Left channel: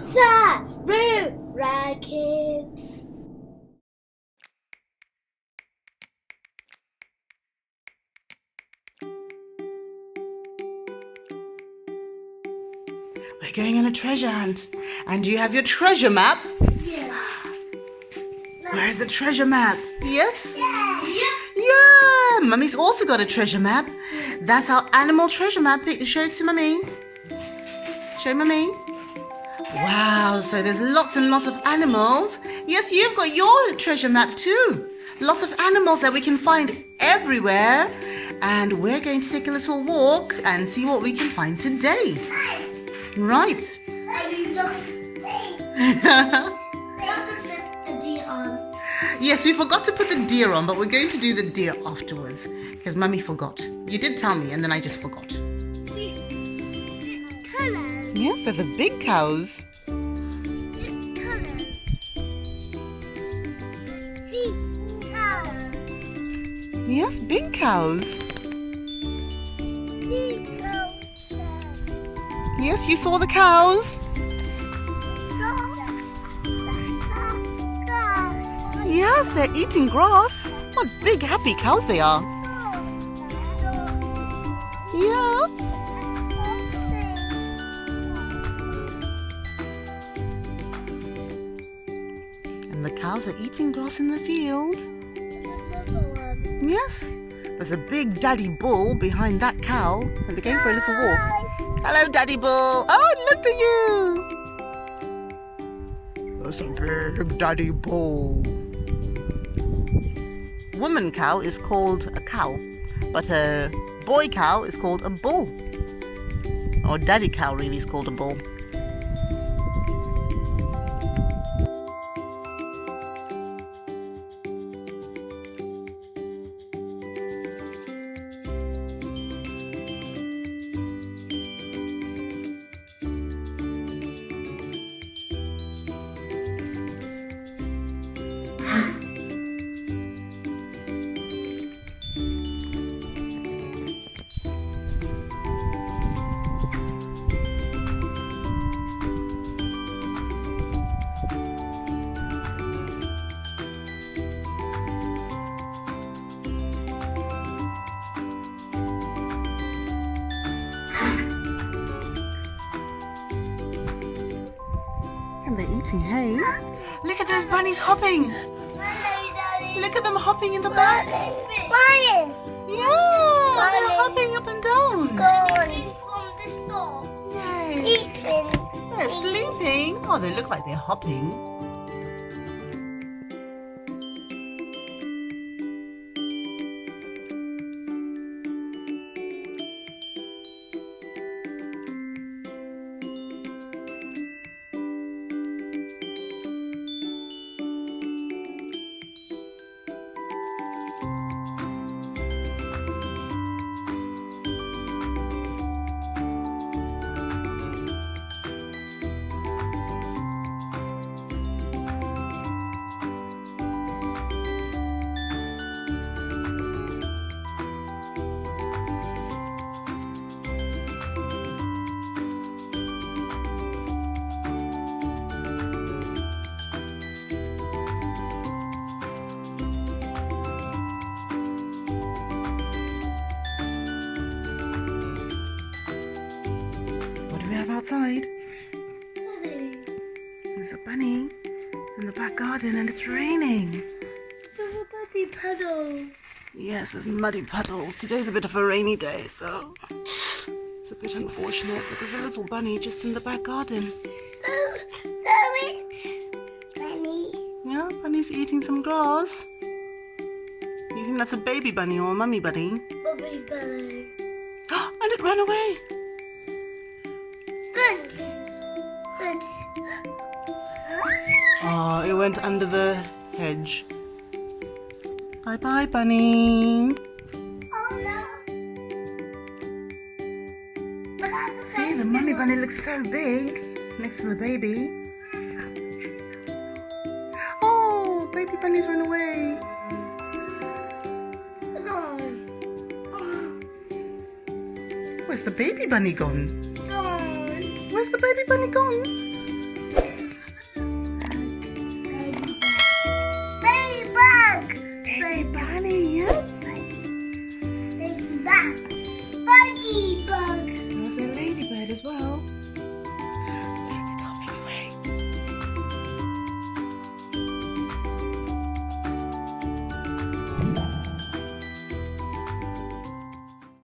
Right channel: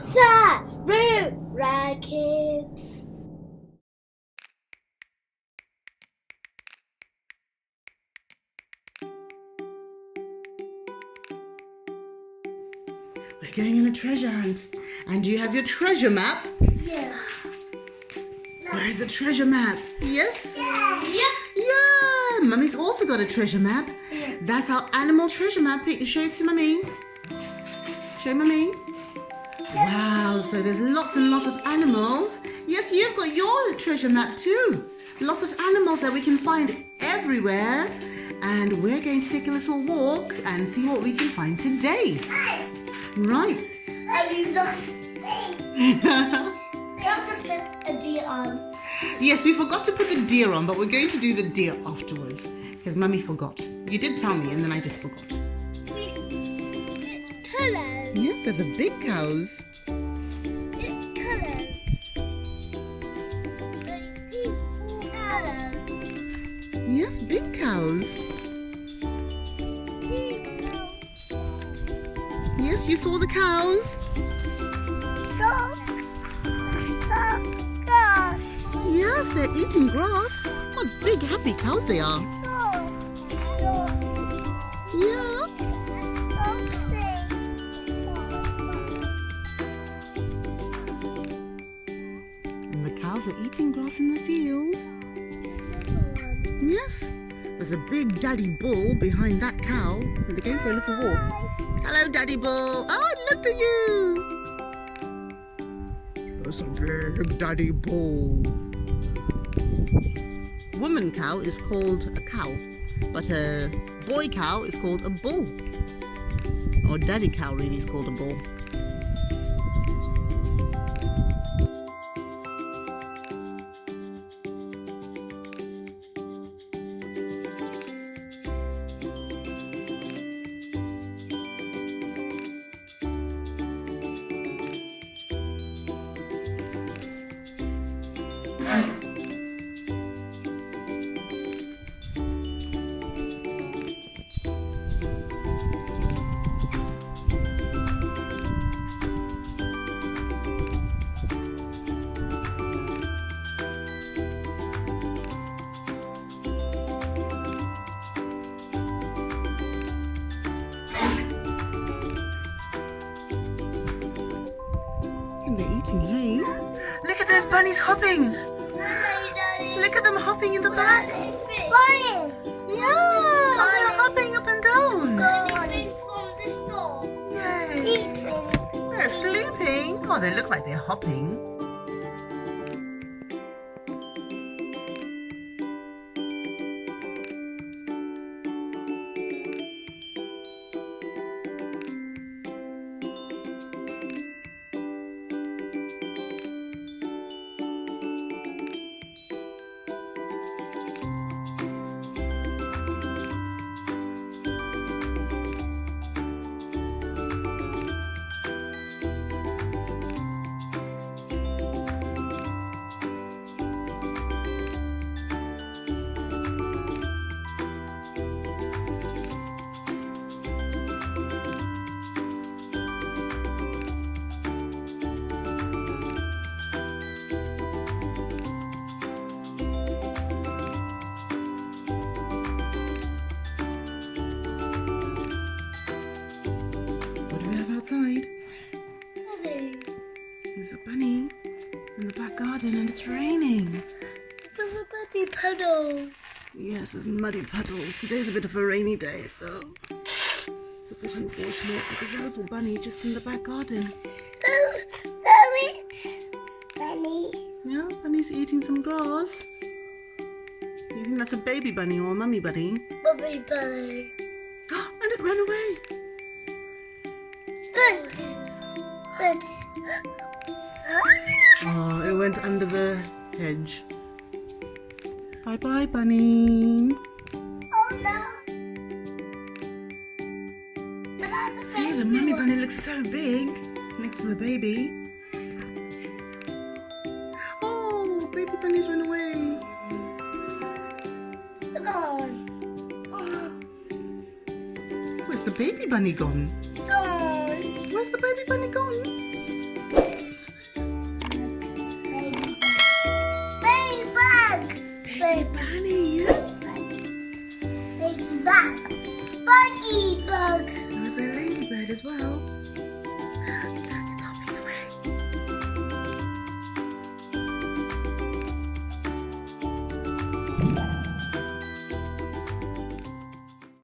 Sarura Kids. We're going on a treasure hunt. And do you have your treasure map? Yeah. Where's the treasure map? Yes? Yeah. Yeah! Mummy's also got a treasure map. That's our animal treasure map. Show it to Mummy. Show Mummy. Wow, so there's lots and lots of animals. Yes, you've got your treasure map too. Lots of animals that we can find everywhere. And we're going to take a little walk and see what we can find today. Right. You have to put a deer on. Yes, we forgot to put the deer on, but we're going to do the deer afterwards because Mummy forgot. You did tell me and then I just forgot. Colours. Yes, they're the big cows. Colours. Yes, big cows. Yes, you saw the cows. Yes, they're eating grass. What big happy cows they are. Yeah. And the cows are eating grass in the field. Yes. There's a big daddy bull behind that cow and they're going for a little walk. Hello, Daddy Bull. Oh, it looked at you. That's a big Daddy Bull. Woman cow is called a cow, but a boy cow is called a bull. Or daddy cow really is called a bull. And they're eating hay. Look at those bunnies hopping. Look at them hopping in the back. Yeah, they're hopping up and down. Yay. They're sleeping. Oh, they look like they're hopping. Outside. There's a bunny in the back garden and it's raining. There's a muddy puddle. Yes, there's muddy puddles. Today's a bit of a rainy day, so it's a bit unfortunate, but there's a little bunny just in the back garden. Bunny. Yeah, bunny's eating some grass. You think that's a baby bunny or a mummy bunny? Baby bunny. And it ran away. Good. Oh, it went under the hedge. Bye-bye, bunny. Oh no. See, the mummy bunny looks so big next to the baby. Oh, baby bunny's run away. Gone. Where's the baby bunny gone? Gone. Where's the baby bunny gone?